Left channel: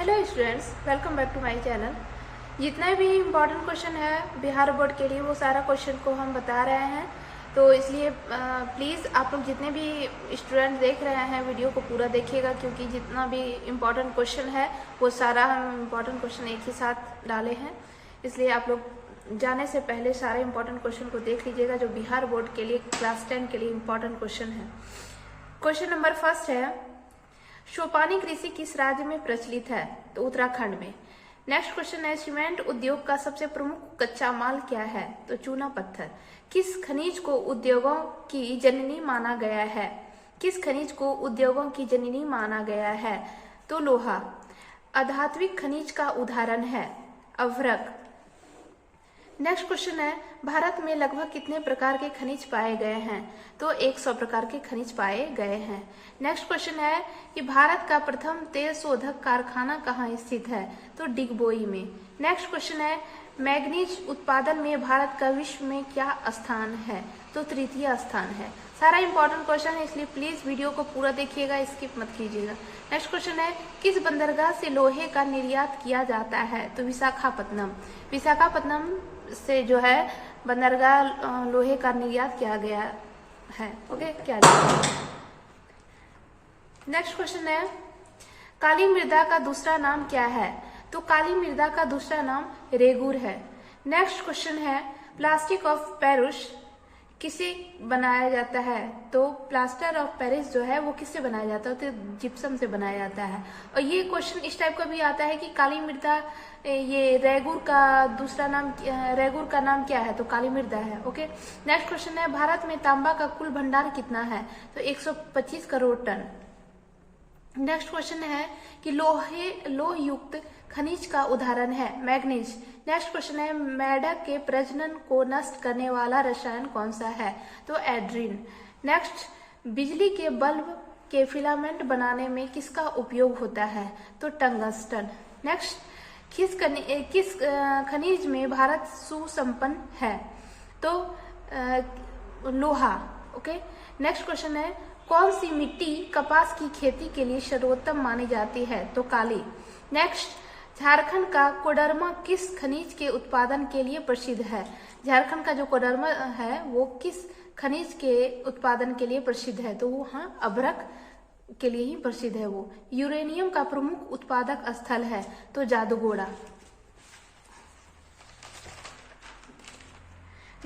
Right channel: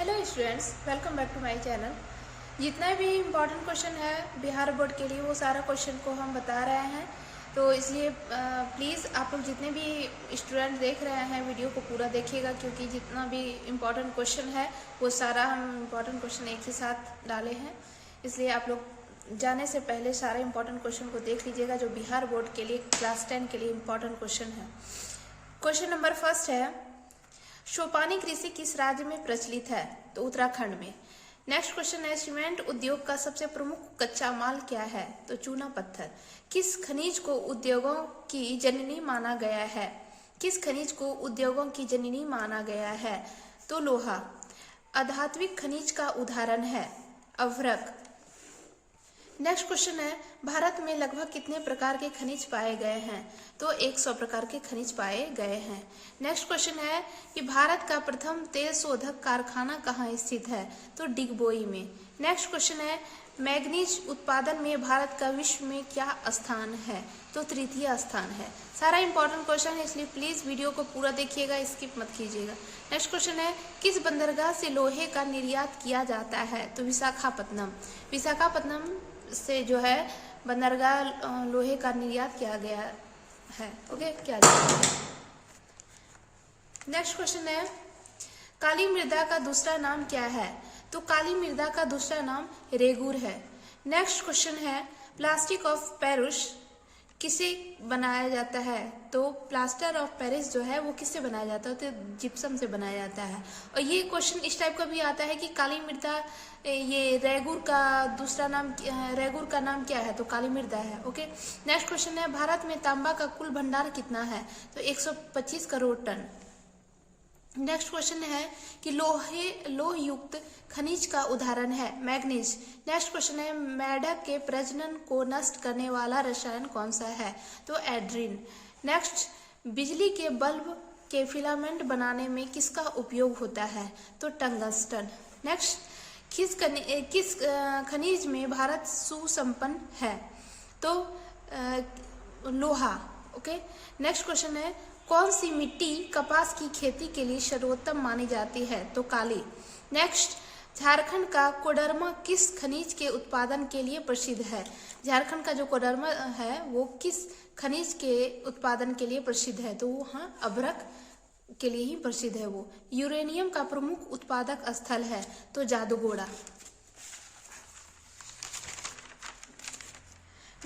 Hello students, welcome back to my channel. जितना भी important question है बिहार बोर्ड के लिए वो सारा क्वेश्चन को हम बता रहे हैं। तो इसलिए प्लीज़ आप लोग जितने भी स्टूडेंट देख रहे हैं वीडियो को पूरा देखिएगा, क्योंकि जितना भी इम्पोर्टेंट क्वेश्चन है वो सारा हम इम्पोर्टेंट क्वेश्चन एक ही साथ डाले हैं। इसलिए आप लोग जाने से पहले सारे इम्पोर्टेंट क्वेश्चन को देख लीजिएगा जो बिहार बोर्ड के लिए क्लास 10 के लिए इम्पोर्टेंट क्वेश्चन है। क्वेश्चन नंबर फर्स्ट है, सोपानी कृषि किस राज्य में प्रचलित है? तो उत्तराखंड में। नेक्स्ट क्वेश्चन है, सीमेंट उद्योग का सबसे प्रमुख कच्चा माल क्या है? तो चूना पत्थर। किस खनिज को उद्योगों की जननी माना गया है? किस खनिज को उद्योगों की जननी माना गया है? तो लोहा। अधात्विक खनिज का उदाहरण है अभ्रक। नेक्स्ट क्वेश्चन है, भारत में लगभग कितने प्रकार के खनिज पाए गए हैं? तो 100 प्रकार के खनिज पाए गए हैं। नेक्स्ट क्वेश्चन है कि भारत का प्रथम तेल शोधक कारखाना कहाँ स्थित है? तो डिगबोई में। नेक्स्ट क्वेश्चन है, मैग्नीज उत्पादन में भारत का विश्व में क्या स्थान है? तो तृतीय स्थान है। सारा इंपॉर्टेंट क्वेश्चन है, इसलिए प्लीज वीडियो को पूरा देखिएगा, स्किप मत कीजिएगा। नेक्स्ट क्वेश्चन है, किस बंदरगाह से लोहे का निर्यात किया जाता है? तो विशाखापत्तनम। विशाखापत्तनम से जो है बंदरगाह लोहे का निर्यात किया गया है। ओके, क्या नेक्स्ट क्वेश्चन है, काली मृदा का दूसरा नाम क्या है? तो काली मृदा का दूसरा नाम रेगुर है। नेक्स्ट क्वेश्चन है, प्लास्टिक ऑफ पेरिस किसे बनाया जाता है? तो प्लास्टर ऑफ पेरिस जो है वो किससे बनाया जाता है? तो जिप्सम से बनाया जाता है। और ये क्वेश्चन इस टाइप का भी आता है कि काली मृदा, ये रेगुर का दूसरा नाम, रेगुर का नाम क्या है? तो काली मृदा है। ओके, नेक्स्ट क्वेश्चन है, भारत में तांबा का कुल भंडार कितना है? तो 125 करोड़ टन। नेक्स्ट क्वेश्चन है कि लोह युक्त खनिज का उदाहरण है मैग्नीज। नेक्स्ट क्वेश्चन है, मेढक के प्रजनन को नष्ट करने वाला रसायन कौन सा है? तो एड्रीन। नेक्स्ट, बिजली के बल्ब के फिलामेंट बनाने में किसका उपयोग होता है? तो टंगस्टन। नेक्स्ट, किस खनिज में भारत सुसंपन्न है? तो लोहा। ओके, नेक्स्ट क्वेश्चन है, कौन सी मिट्टी कपास की खेती के लिए सर्वोत्तम मानी जाती है? तो काली। नेक्स्ट, झारखंड का कोडरमा किस खनिज के उत्पादन के लिए प्रसिद्ध है? झारखंड का जो कोडरमा है वो किस खनिज के उत्पादन के लिए प्रसिद्ध है? तो वहाँ अभ्रक के लिए ही प्रसिद्ध है वो। यूरेनियम का प्रमुख उत्पादक स्थल है? तो जादूगोड़ा।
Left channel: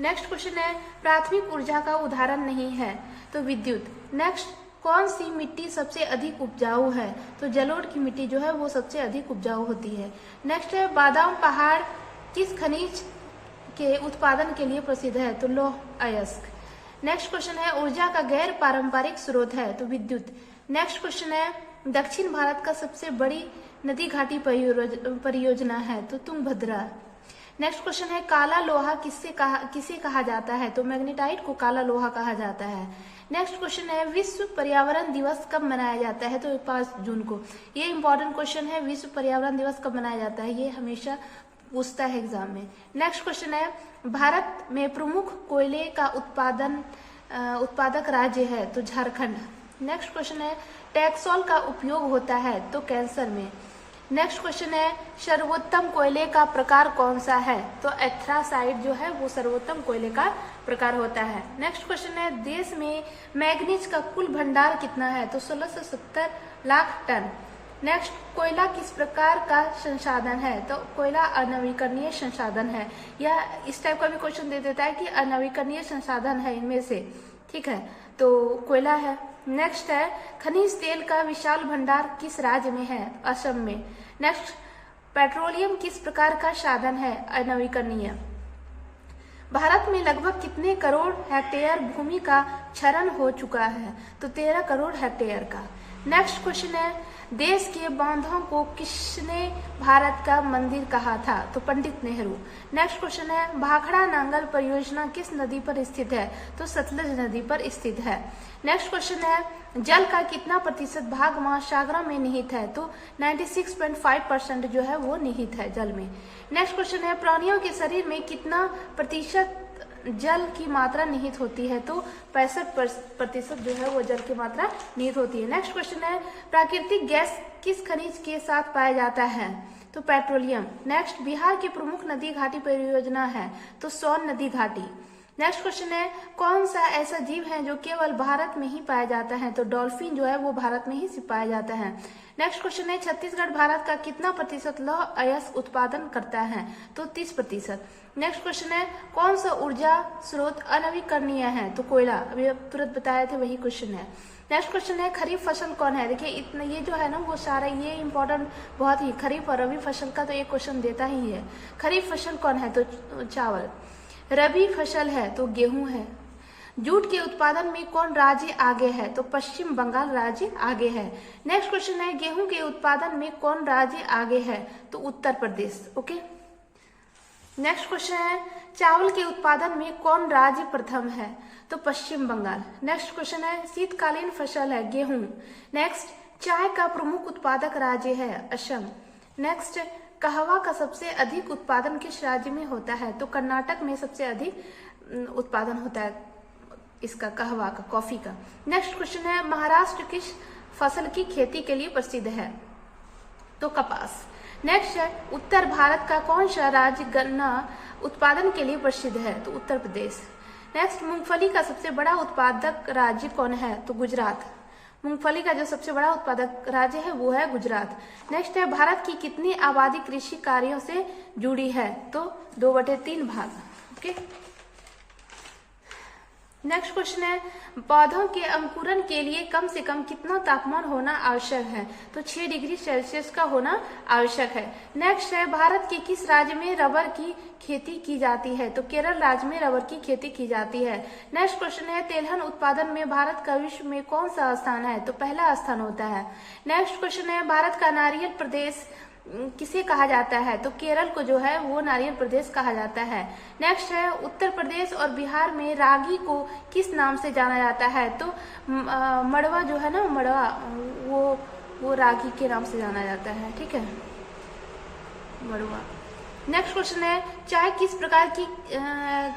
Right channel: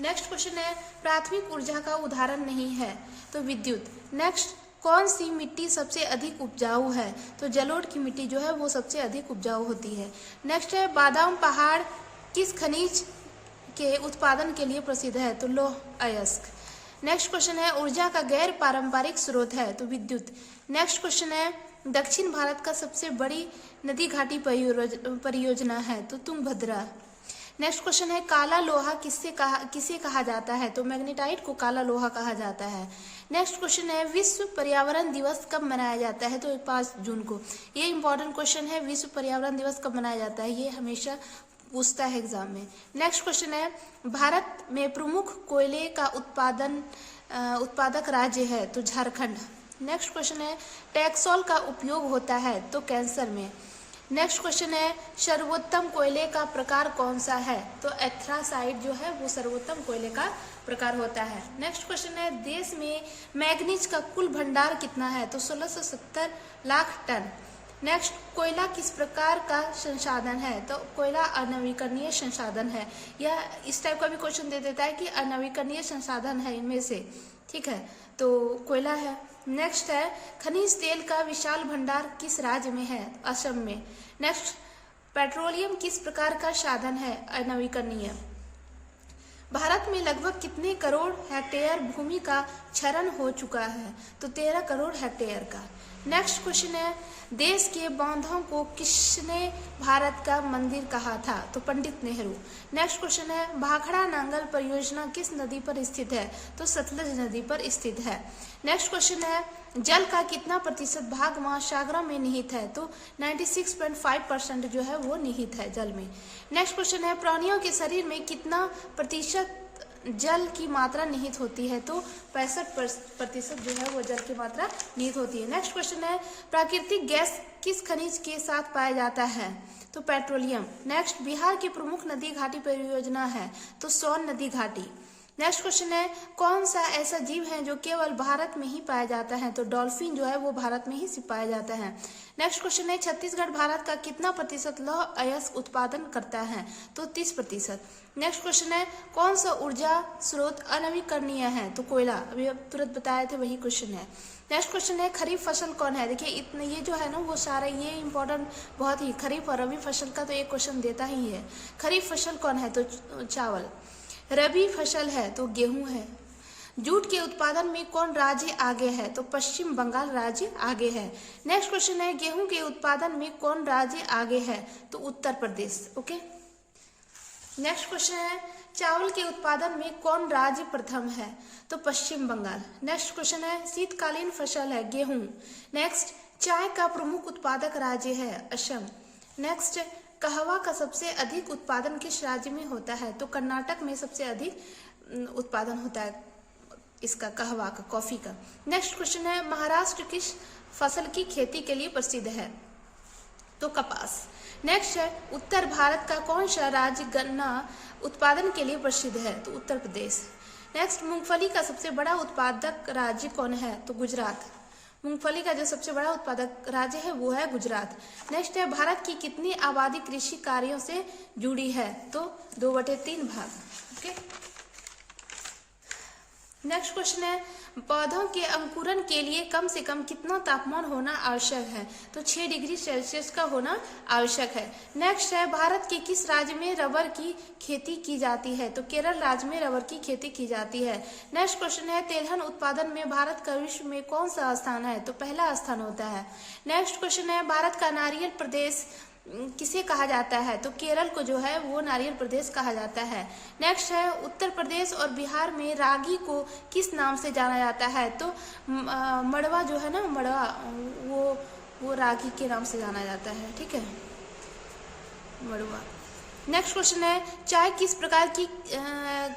नेक्स्ट क्वेश्चन है, प्राथमिक ऊर्जा का उदाहरण नहीं है? तो विद्युत। नेक्स्ट, कौन सी मिट्टी सबसे अधिक उपजाऊ है? तो जलोढ़ की मिट्टी जो है वो सबसे अधिक उपजाऊ होती है। नेक्स्ट है, बादाम पहाड़ किस खनिज के उत्पादन के लिए प्रसिद्ध है? तो लौह अयस्क। नेक्स्ट क्वेश्चन है, ऊर्जा का गैर पारंपरिक स्रोत है? तो विद्युत। नेक्स्ट क्वेश्चन है, दक्षिण भारत का सबसे बड़ी नदी घाटी परियोजना है? तो तुंगभद्रा। नेक्स्ट क्वेश्चन है, काला लोहा किसे कहा जाता है? तो मैग्नेटाइट को काला लोहा कहा जाता है। नेक्स्ट क्वेश्चन है, विश्व पर्यावरण दिवस कब मनाया जाता है? तो 5 जून को। ये इंपॉर्टेंट क्वेश्चन है, विश्व पर्यावरण दिवस कब मनाया जाता है, ये हमेशा पूछता है एग्जाम में। नेक्स्ट क्वेश्चन है, भारत में प्रमुख कोयले का उत्पादक राज्य है? तो झारखंड। नेक्स्ट क्वेश्चन है, टैक्सोल का उपयोग होता है? तो कैंसर में। नेक्स्ट क्वेश्चन है, सर्वोत्तम कोयले का प्रकार कौन सा है? तो एथ्रासाइट जो है वो सर्वोत्तम कोयले का प्रकार होता है। नेक्स्ट क्वेश्चन है, देश में मैग्नीज का कुल भंडार कितना है? तो 1670 लाख टन। नेक्स्ट, कोयला किस प्रकार का संसाधन है? तो कोयला अनवीकरणीय संसाधन है। यह इस टाइप का भी क्वेश्चन दे देता है कि अनवीकरणीय संसाधन है इनमें से, ठीक है, तो कोयला है। नेक्स्ट है, खनिज तेल का विशाल भंडार किस राज्य में है? असम में। नेक्स्ट, पेट्रोलियम किस प्रकार का साधन है? अनवीकरणीय। भारत में लगभग कितने करोड़ हेक्टेयर भूमि का क्षरण हो चुका है? तो 13 करोड़ हेक्टेयर का। नेक्स्ट क्वेश्चन है, देश के बांधों को किसने भारत का मंदिर कहा था? तो पंडित नेहरू। नेक्स्ट क्वेश्चन है, भाखड़ा नांगल परियोजना किस नदी पर स्थित है? तो सतलज नदी पर स्थित है। नेक्स्ट क्वेश्चन है, जल का कितना प्रतिशत भाग महासागरों में निहित है? तो 96.5% जो है वो निहित है जल में। नेक्स्ट क्वेश्चन है, प्राणियों के शरीर में कितना प्रतिशत जल की मात्रा निहित होती है? तो 65% जो है वो जल की मात्रा निहित होती है। नेक्स्ट क्वेश्चन है, प्राकृतिक गैस किस खनिज के साथ पाया जाता है? तो पेट्रोलियम। नेक्स्ट, बिहार की प्रमुख नदी घाटी परियोजना है? तो सोन नदी घाटी। नेक्स्ट क्वेश्चन है, कौन सा ऐसा जीव है जो केवल भारत में ही पाया जाता है? तो डॉल्फिन जो है वो भारत में ही पाया जाता है। नेक्स्ट क्वेश्चन है, छत्तीसगढ़ भारत का कितना प्रतिशत लौह अयस्क उत्पादन करता है? तो 30%। नेक्स्ट क्वेश्चन है, कौन सा ऊर्जा स्रोत अनवीकरणीय है? तो कोयला। अभी तुरंत बताए थे वही क्वेश्चन है। नेक्स्ट क्वेश्चन है, खरीफ फसल कौन है? देखिए इतना ये जो है ना वो सारा ये इंपॉर्टेंट बहुत ही, खरीफ और रबी फसल का तो एक क्वेश्चन देता ही है। खरीफ फसल कौन है? तो चावल। रबी फसल है तो गेहूं है। जूट के उत्पादन में कौन राज्य आगे है? तो पश्चिम बंगाल राज्य आगे है। नेक्स्ट क्वेश्चन है, गेहूं के उत्पादन में कौन राज्य आगे है? तो Uttar Pradesh. Okay. Next question है, चावल के उत्पादन में कौन राज्य प्रथम है? तो पश्चिम बंगाल। नेक्स्ट क्वेश्चन है, शीतकालीन फसल है गेहूं। नेक्स्ट, चाय का प्रमुख उत्पादक राज्य है? असम। नेक्स्ट, कहवा का सबसे अधिक उत्पादन किस राज्य में होता है? तो कर्नाटक में सबसे अधिक उत्पादन होता है इसका, कहवा का, कॉफी का। नेक्स्ट क्वेश्चन है, महाराष्ट्र किस फसल की खेती के लिए प्रसिद्ध है? तो कपास। नेक्स्ट है, उत्तर भारत का कौन सा राज्य गन्ना उत्पादन के लिए प्रसिद्ध है? तो उत्तर प्रदेश। नेक्स्ट, मूंगफली का सबसे बड़ा उत्पादक राज्य कौन है? तो गुजरात। मूंगफली का जो सबसे बड़ा उत्पादक राज्य है वो है गुजरात। नेक्स्ट है, भारत की कितनी आबादी कृषि कार्यों से जुड़ी है? तो 2/3 भाग। ओके। नेक्स्ट क्वेश्चन है, पौधों के अंकुरण के लिए कम से कम कितना तापमान होना आवश्यक है? तो 6 डिग्री सेल्सियस का होना आवश्यक है। नेक्स्ट है, भारत के किस राज्य में रबर की खेती की जाती है? तो केरल राज्य में रबर की खेती की जाती है। नेक्स्ट क्वेश्चन है, तेलहन उत्पादन में भारत का विश्व में कौन सा स्थान है? तो पहला स्थान होता है। नेक्स्ट क्वेश्चन है, भारत का नारियल प्रदेश किसे कहा जाता है? तो केरल को जो है वो नारियल प्रदेश कहा जाता है। नेक्स्ट है, उत्तर प्रदेश और बिहार में रागी को किस नाम से जाना जाता है? तो मड़वा जो है ना, मड़वा, वो रागी के नाम से जाना जाता है। ठीक है, मड़वा। नेक्स्ट क्वेश्चन है, चाय किस प्रकार की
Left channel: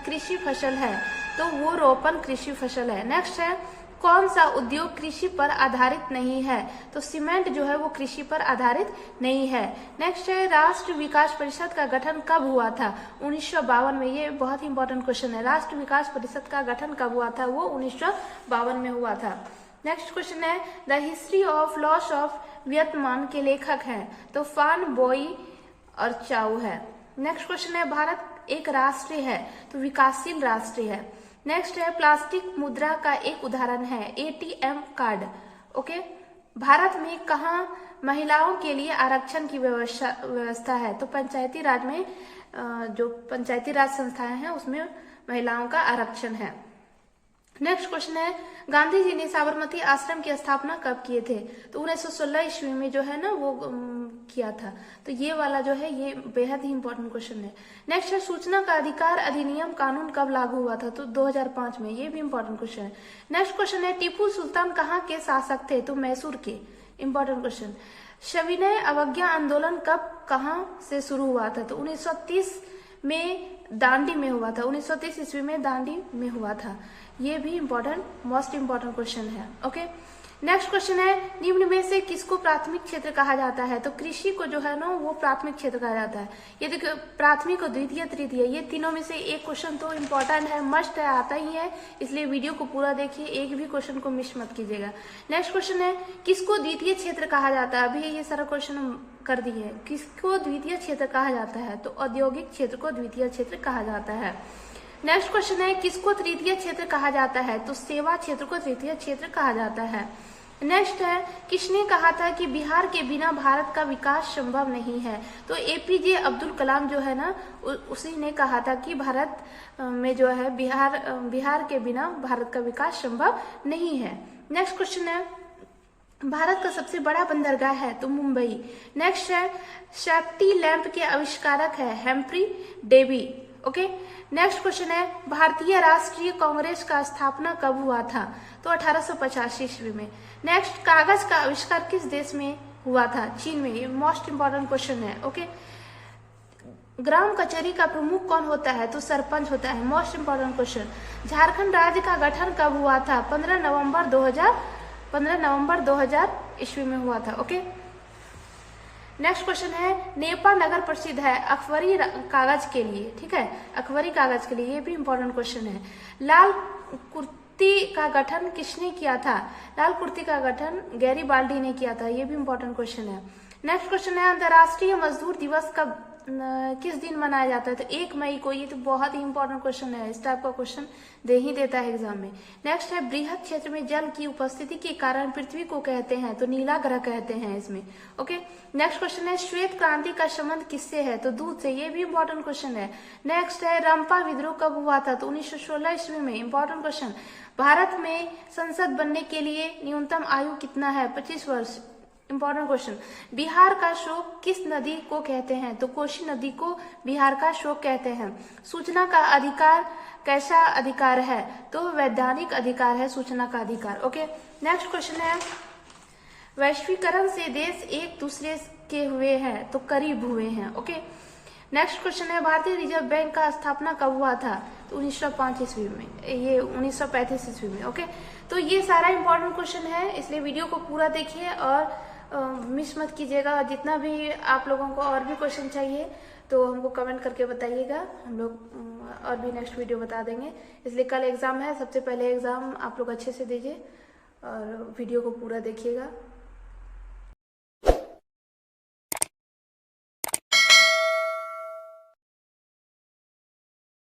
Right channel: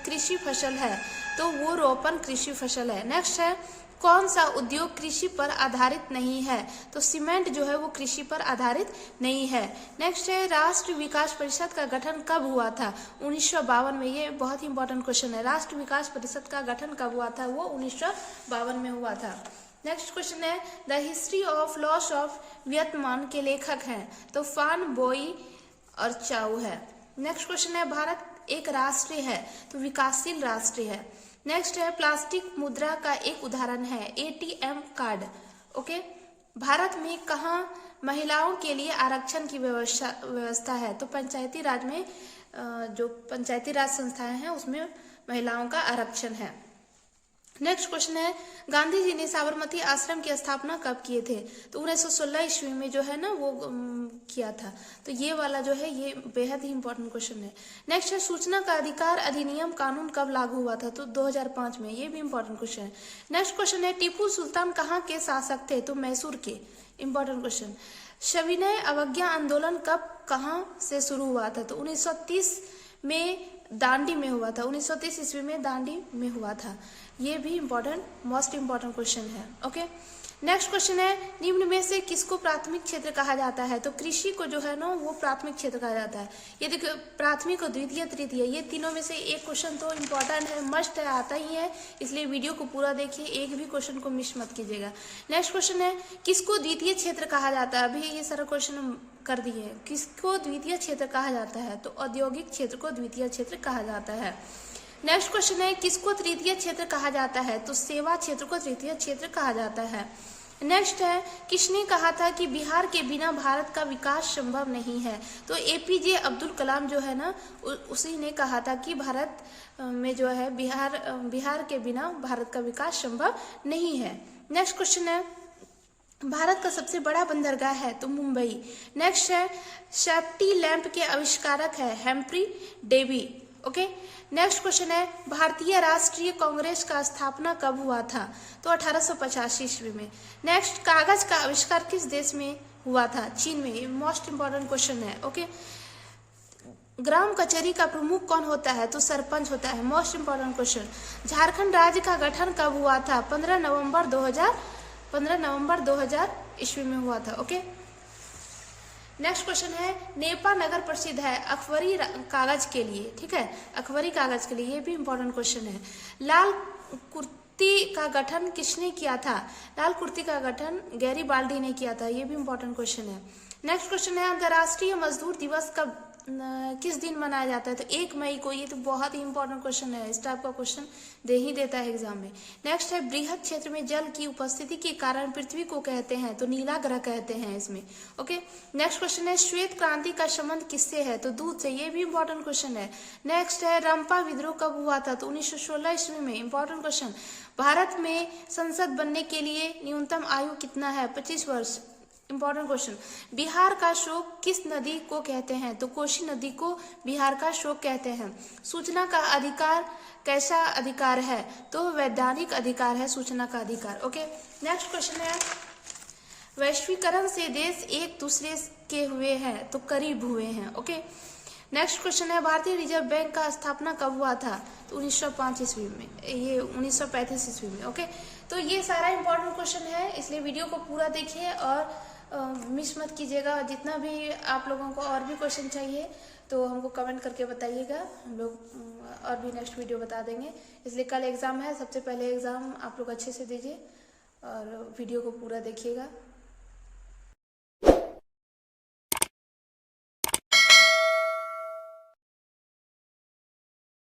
कृषि फसल है? तो वो रोपण कृषि फसल है। नेक्स्ट है, कौन सा उद्योग कृषि पर आधारित नहीं है? तो सीमेंट जो है वो कृषि पर आधारित नहीं है। नेक्स्ट है, राष्ट्रीय विकास परिषद का गठन कब हुआ था? 1952 में। ये बहुत ही इंपॉर्टेंट क्वेश्चन है। राष्ट्रीय विकास परिषद का गठन कब हुआ था? वो 1952 में हुआ था। नेक्स्ट क्वेश्चन है, the history of loss of Vietnam के लेखक हैं? तो फान बोई और चाउ है। नेक्स्ट क्वेश्चन है, भारत एक राष्ट्र है? तो विकासशील राष्ट्र है। नेक्स्ट है, प्लास्टिक मुद्रा का एक उदाहरण है? ATM card. ओके। भारत में कहाँ महिलाओं के लिए आरक्षण की व्यवस्था है? तो पंचायती राज में, जो पंचायती राज संस्थाएं हैं उसमें महिलाओं का आरक्षण है। नेक्स्ट क्वेश्चन है, गांधी जी ने साबरमती आश्रम की स्थापना कब किए थे? तो 1916 ईस्वी में जो है ना वो किया था। तो ये वाला जो है ये बेहद ही इंपॉर्टेंट क्वेश्चन है। नेक्स्ट है, सूचना का अधिकार अधिनियम कानून कब लागू हुआ था? तो 2005 में। ये भी इंपॉर्टेंट क्वेश्चन है। नेक्स्ट क्वेश्चन है, टीपू सुल्तान कहाँ के शासक थे? तो मैसूर के। Important question. सविनय अवज्ञा आंदोलन कब कहाँ से शुरू हुआ था? तो 1930 में दांडी में हुआ था। 1930 ईस्वी में दांडी में हुआ था। ये भी इम्पोर्टेंट, मोस्ट इम्पोर्टेंट क्वेश्चन है। ओके। नेक्स्ट क्वेश्चन है, निम्न में से किसको प्राथमिक क्षेत्र कहा जाता है? तो कृषि को जो है ना वो प्राथमिक क्षेत्र कहा जाता है। ये देखिए, प्राथमिक और द्वितीय तृतीय, ये तीनों में से एक क्वेश्चन तो इम्पोर्टेंट है, मस्ट है, आता ही है। इसलिए वीडियो को पूरा देखिए, एक भी क्वेश्चन को मिस मत कीजिएगा। नेक्स्ट क्वेश्चन है, किसको द्वितीय क्षेत्र कहा जाता है? अभी ये सारा क्वेश्चन हम कर दिए हैं। किसको द्वितीय क्षेत्र कहा जाता है? तो औद्योगिक क्षेत्र को द्वितीय क्षेत्र कहा जाता है। नेक्स्ट क्वेश्चन है, किसको तृतीय क्षेत्र कहा जाता है? तो सेवा क्षेत्र को तृतीय क्षेत्र कहा जाता है। नेक्स्ट है, किसने कहा था कि बिहार के बिना भारत का विकास संभव नहीं है? तो APJ अब्दुल कलाम जो है ना उसी ने कहा था कि भारत में जो है बिहार के बिना भारत का विकास संभव नहीं है। नेक्स्ट क्वेश्चन है, भारत का सबसे बड़ा बंदरगाह है? तो मुंबई। नेक्स्ट है, सेफ्टी लैंप के आविष्कारक है? Humphrey Davy. Okay. Next question है, भारतीय राष्ट्रीय कांग्रेस का स्थापना कब हुआ था? तो 1885 ईस्वी में। नेक्स्ट, कागज का आविष्कार किस देश में हुआ था? चीन में। ये मोस्ट इंपॉर्टेंट क्वेश्चन है। ओके। ग्राम कचहरी का प्रमुख कौन होता है? तो सरपंच होता है। Most important question. झारखंड राज्य का गठन कब हुआ था? 15 नवंबर 2000 ईस्वी में हुआ था। ओके, नेक्स्ट क्वेश्चन है, नेपाल नगर प्रसिद्ध है अखबारी कागज के लिए। ठीक है, अखबारी कागज के लिए, ये भी इंपॉर्टेंट क्वेश्चन है। लाल कुर्ती का गठन किसने किया था? लाल कुर्ती का गठन गैरीबाल्डी ने किया था। ये भी इंपॉर्टेंट क्वेश्चन है। नेक्स्ट क्वेश्चन है, अंतर्राष्ट्रीय मजदूर दिवस कब किस दिन मनाया जाता है? तो 1 मई को। ये तो बहुत ही इंपॉर्टेंट क्वेश्चन है, इस टाइप का क्वेश्चन दे ही देता है एग्जाम में। नेक्स्ट है, बृहद क्षेत्र में जल की उपस्थिति के कारण पृथ्वी को कहते हैं? तो नीला ग्रह कहते हैं इसमें। ओके, नेक्स्ट क्वेश्चन है, श्वेत क्रांति का संबंध किससे है? तो दूध से। ये भी इंपॉर्टेंट क्वेश्चन है। नेक्स्ट है, रंपा विद्रोह कब हुआ था? तो 1916 ईस्वी में। Important question. भारत में संसद बनने के लिए न्यूनतम आयु कितना है? 25 वर्ष। Important question. बिहार का शोक किस नदी को कहते हैं? तो कोसी नदी को बिहार का शोक कहते हैं। सूचना का अधिकार कैसा अधिकार है? तो वैधानिक अधिकार है सूचना का अधिकार। ओके, नेक्स्ट क्वेश्चन है, वैश्वीकरण से देश एक दूसरे के हुए हैं? तो करीब हुए हैं। ओके, नेक्स्ट क्वेश्चन है, भारतीय रिजर्व बैंक का स्थापना कब हुआ था? तो 1905 ईस्वी में। ये 1935 ईस्वी में। ओके, तो ये सारा इंपॉर्टेंट क्वेश्चन है, इसलिए वीडियो को पूरा देखिए और मिस मत कीजिएगा। जितना भी आप लोगों को और भी क्वेश्चन चाहिए तो हमको कमेंट करके बताइएगा, हम लोग और भी नेक्स्ट वीडियो बता देंगे। इसलिए कल एग्ज़ाम है, सबसे पहले एग्ज़ाम आप लोग अच्छे से दीजिए और वीडियो को पूरा देखिएगा।